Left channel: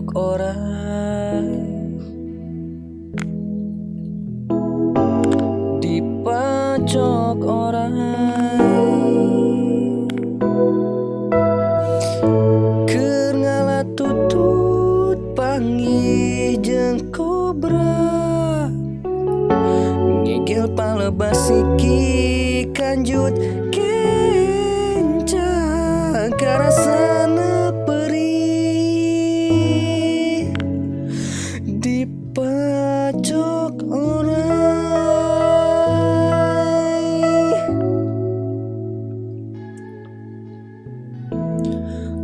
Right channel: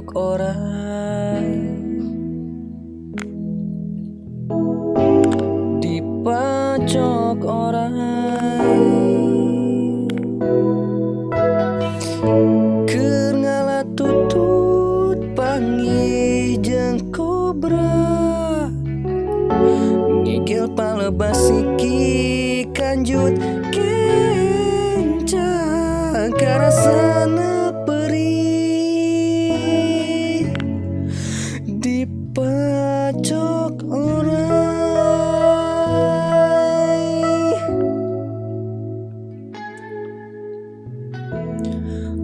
dipacok orang, dipacok orang. Keur ngalat tutut panggih jeung kobra, ngegel palebas siki kanjut kencang karasana perih, dipacok orang,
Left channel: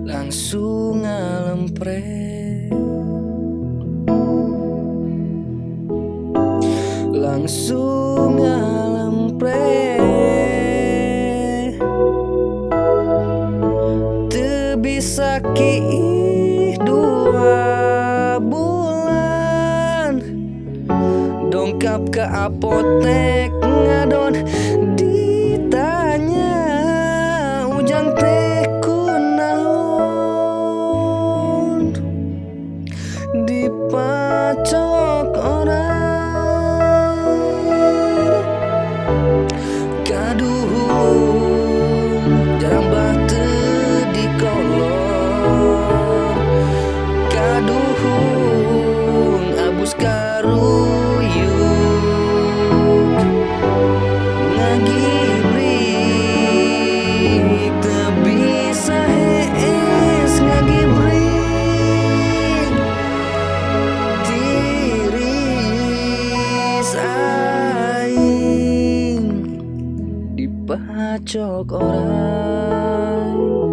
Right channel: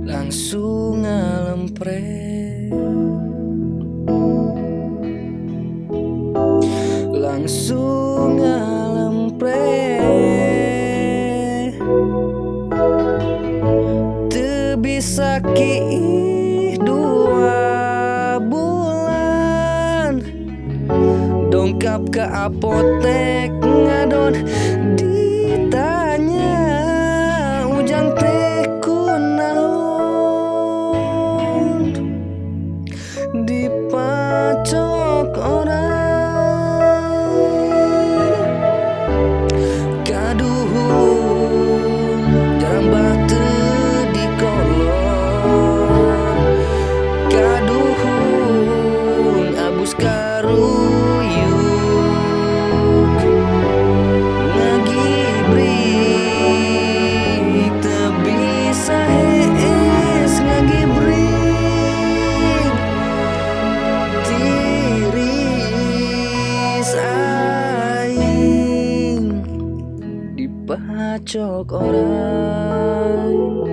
langsung ngalempret, langsung ngalempret. Teu bisa kiih 2 bulan, dongkap ke apotek ngadon, ditanya ujang teh kunaon, dipacok orang. Kaduhung jarang teu dikolor, kaduhung abus karuyuk, ngagibrik teu bisa hees, ngagibrik tiris aing, dipacok orang.